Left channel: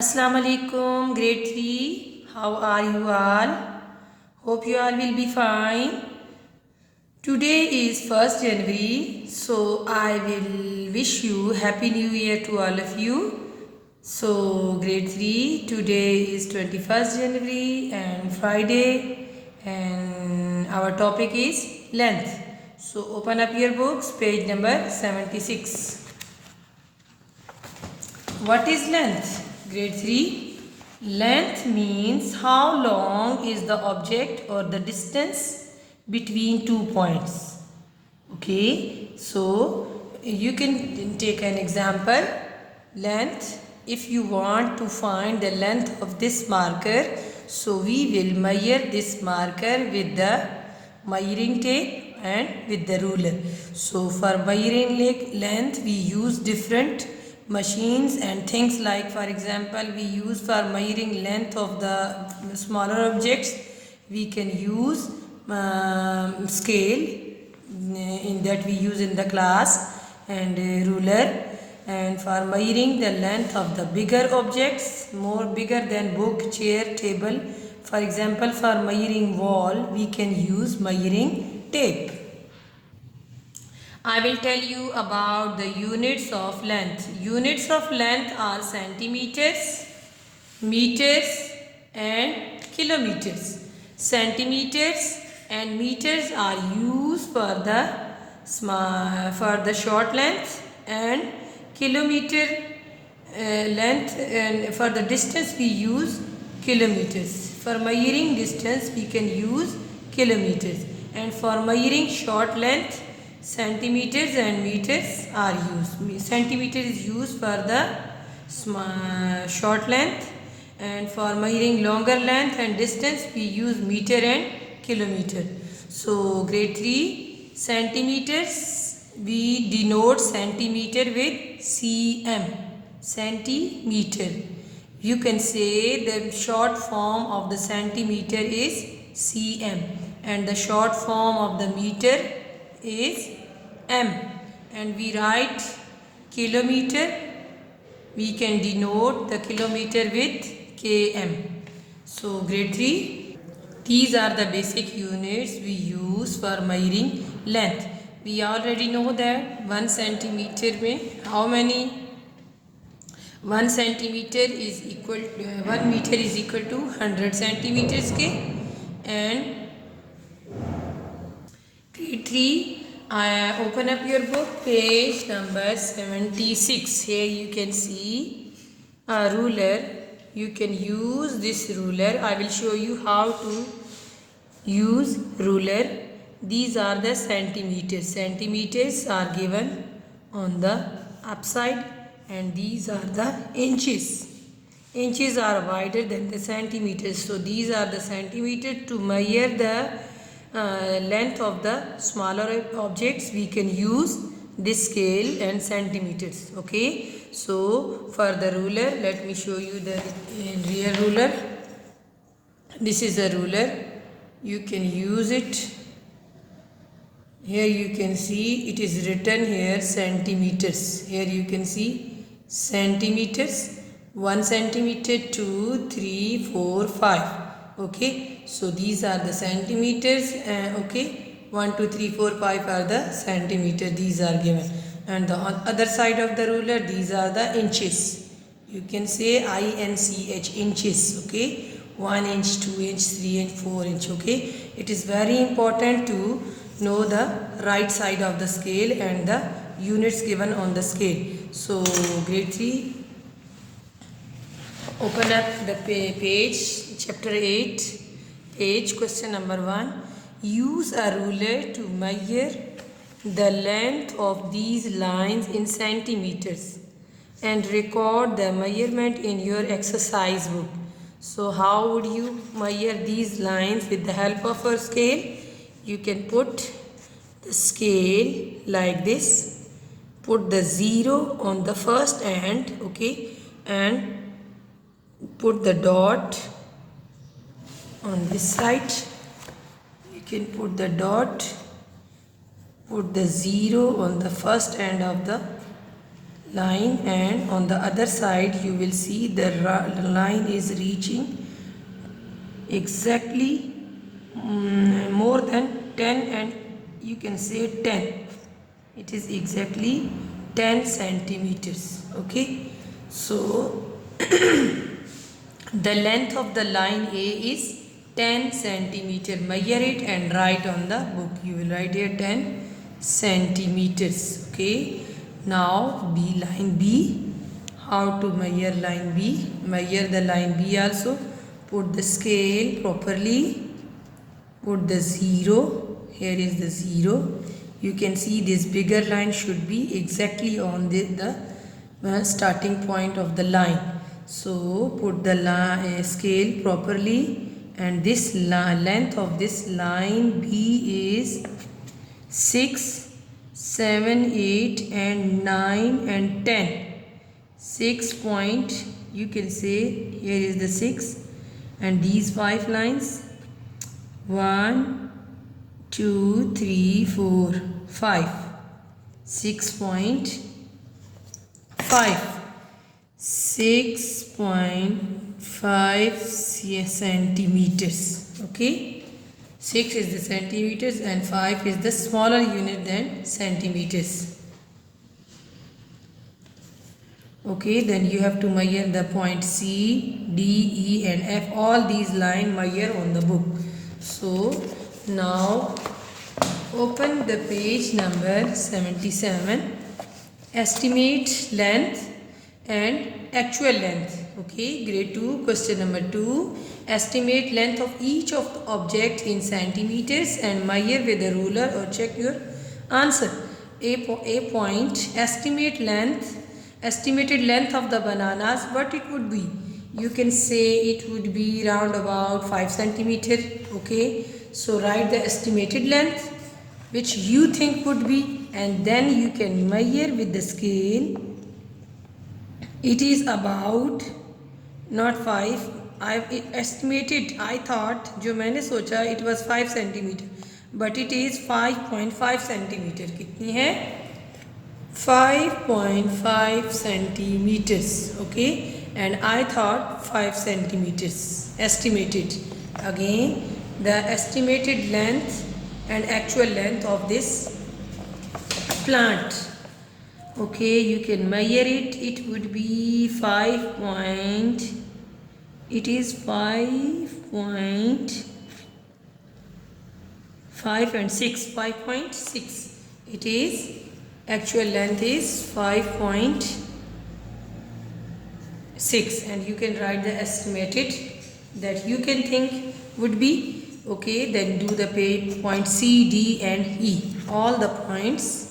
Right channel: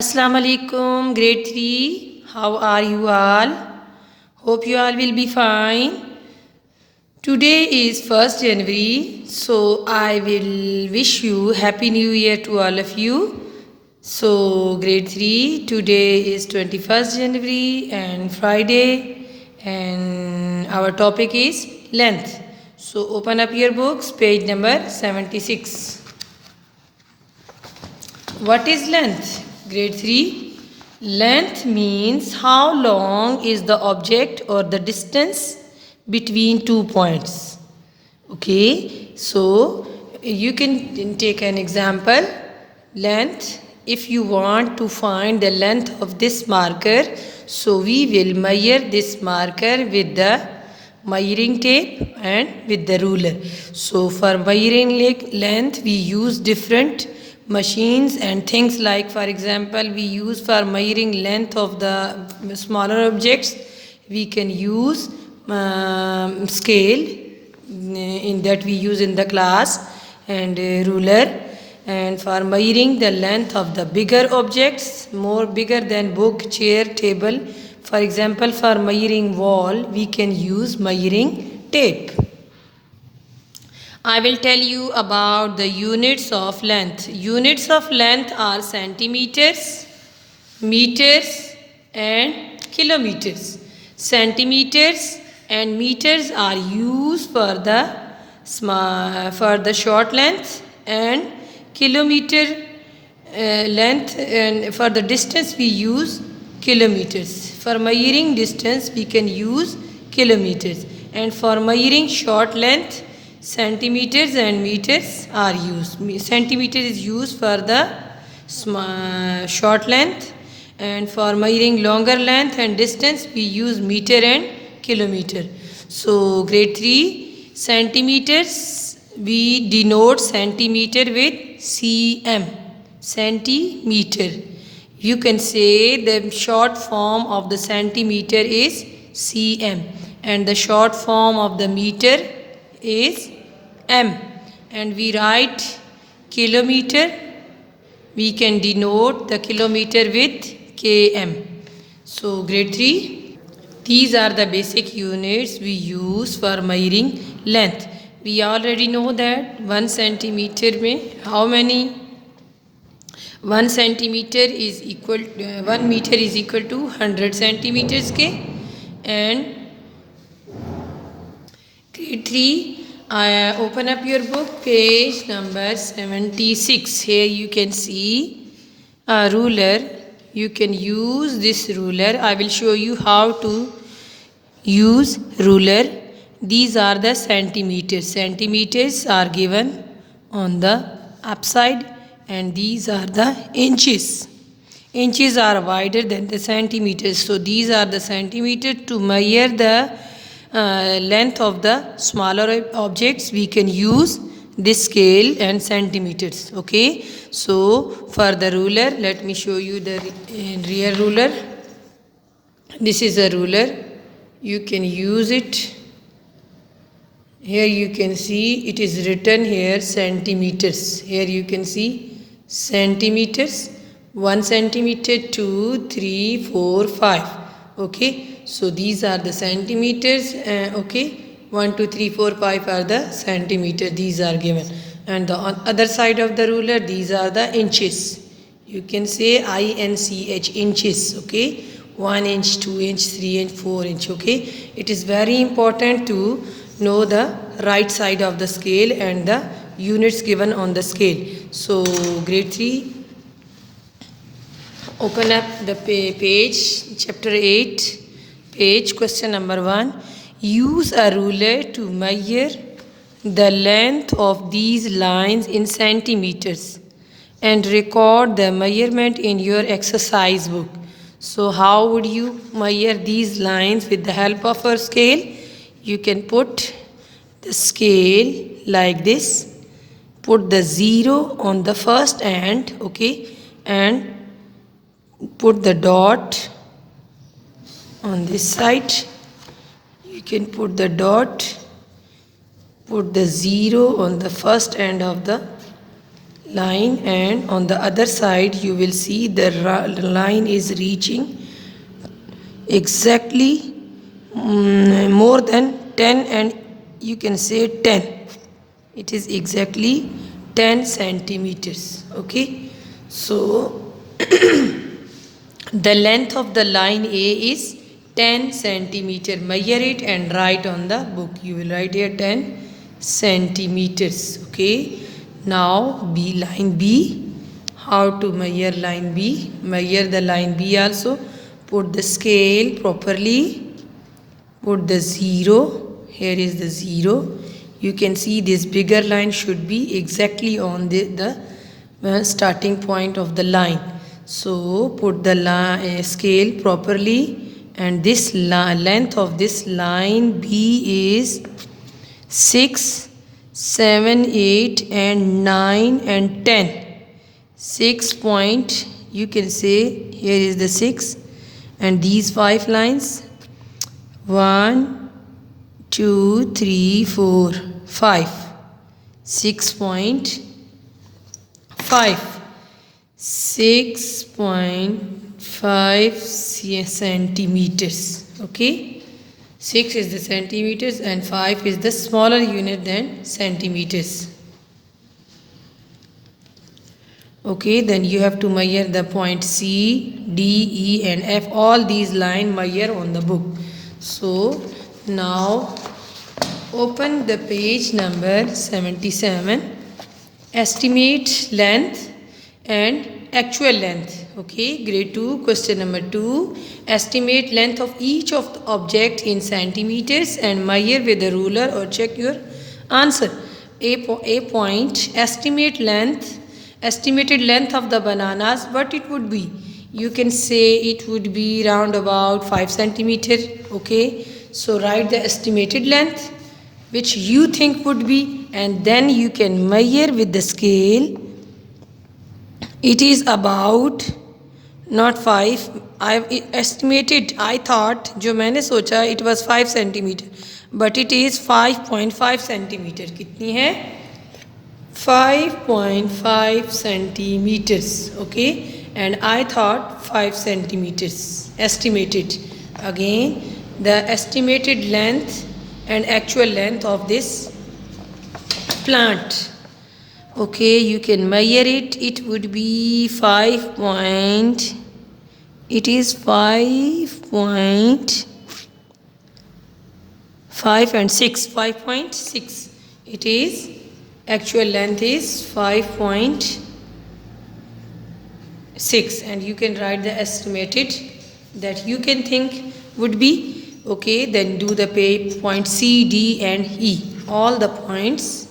Assalamu alaikum, grade 3. How are you all? Hope you all will be fine. Today is 1st January, so I will wish you Happy New Year to all of you. So, grade 3, today is 21st January and Friday, and our topic is length. So, open up your books, page number 76. What is length? Grade 3. Length means how long is the object or the distance between 2 points. Okay, so you can take an example. Length, if you want to find the length of this marker, so we will measure this marker with the measuring tape and with the ruler. So for measuring length, we use different machines and things, like for example we use for measuring length of the smaller objects, we can use scale in that we use in the class, and ruler. And for measuring the length of the bigger objects, more bigger than book, chair, table, for example for measuring wall, we can use measuring tape. I will tell you about the units of length. Units of length are centimeters, meters and kilometers. Centimeters and meters are used for the short length, and kilometer length, and for the distance we use kilometers. For measuring distance we can use kilometers, and for measuring short length, centimeters and meters are used. Centimeter is used for the short length, and for measuring longer length and distance we use meter and kilometer. So grade 3, centimeters, we denote centimeter with cm, centimeter. You can say the short form of the centimeter is cm, and the short form of the meter is m. And we write kilometer, we can denote the kilometer with km. So grade 3, these are the basic units we use for measuring length. We already know that 1 centimeter में how many? 1 centimeter is equal, 1 meter is equal to 100 centimeters के. And grade 3, open up your book, page number 76. Here you can see a ruler. You can use this ruler. I will show you how to use ruler. These are the centimeters. Centimeters are given on the upside, and these are the inches. Inches are wider than the centimeters. So these are the centimeters. To measure the length of the smaller objects, we can use this scale and centimeters. Okay, so for the ruler, let me show you the real ruler. This is a ruler. You can use it. Here you can see it is written here centimeters. Here you can see centimeters. 1 centimeter, 2, 3, 4, 5. Okay, so these are the centimeters. Okay, 1, 2, 3, 4, 5 are the centimeters. These are given. And the other side of the ruler, these are the inches. You can say INCH, inches. Okay, 1 inch, 2 inch, 3 inch, 4 inch. Okay, it is very important to know the right side of the scale and the units given on the scale. So grade 3, open up the page, chapter 8, page, question number 1. Use a ruler to measure the length of these lines in centimeters and record the measurement in your exercise book. So how would you measure these lines? With the help of a scale, you can put the scale like this, put the 0 on the first end, okay, and put the dot on this side. You can put the dot, put the 0 on the first end of the line, and on the other side you will see the line is reaching exactly more than 10, and you can say 10. It is exactly 10 centimeters. Okay, so the length of the line A is 10 centimeter. Measure it and write on the book. You will write here 10 centimeters. Okay, now line B. How to measure line B? Measure the line B also. Put the scale properly. Put the 0. Here is the 0. You can see this bigger line should be exactly on the starting point of the line. So put the scale properly, and this length of this line B is 6, 7, 8 and 9 and 10. 6 point, you can say here is the 6, and these 5 lines 1, 2, 3, 4, 5. 6.5. 6.5 centimeters. Okay, 6 is the centimeters and 5 is the smaller unit than centimeters. Okay, then you have to measure the point C, D, E and F. All these lines measure on the book. So now open the page number 77. Estimate length and actual length. Okay, grade 2, question number 2. Estimate length of each of the object in centimeters and measure with a ruler or check your answer. A point, estimated length of the bananas, what it would be? You can say it would be round about 5 centimeter. Okay, so write the estimated length which you think would be, and then you can measure with the scale. It is about not 5. I estimated, I thought, जो मैंने सोचा, it was 5 centimeter, but it is 5.5 centimeter. कितनी है? 5.5 centimeters. Okay, and I thought 5 centimeters estimated. Again, the estimated length and actual length of this plant. Okay, you can measure it. It would be 5 point. It is 5.5 and 6. 5.6. It is actual length is 5.6, and you can write the estimated that you can think would be. Okay, then do the point C, D and E. All the points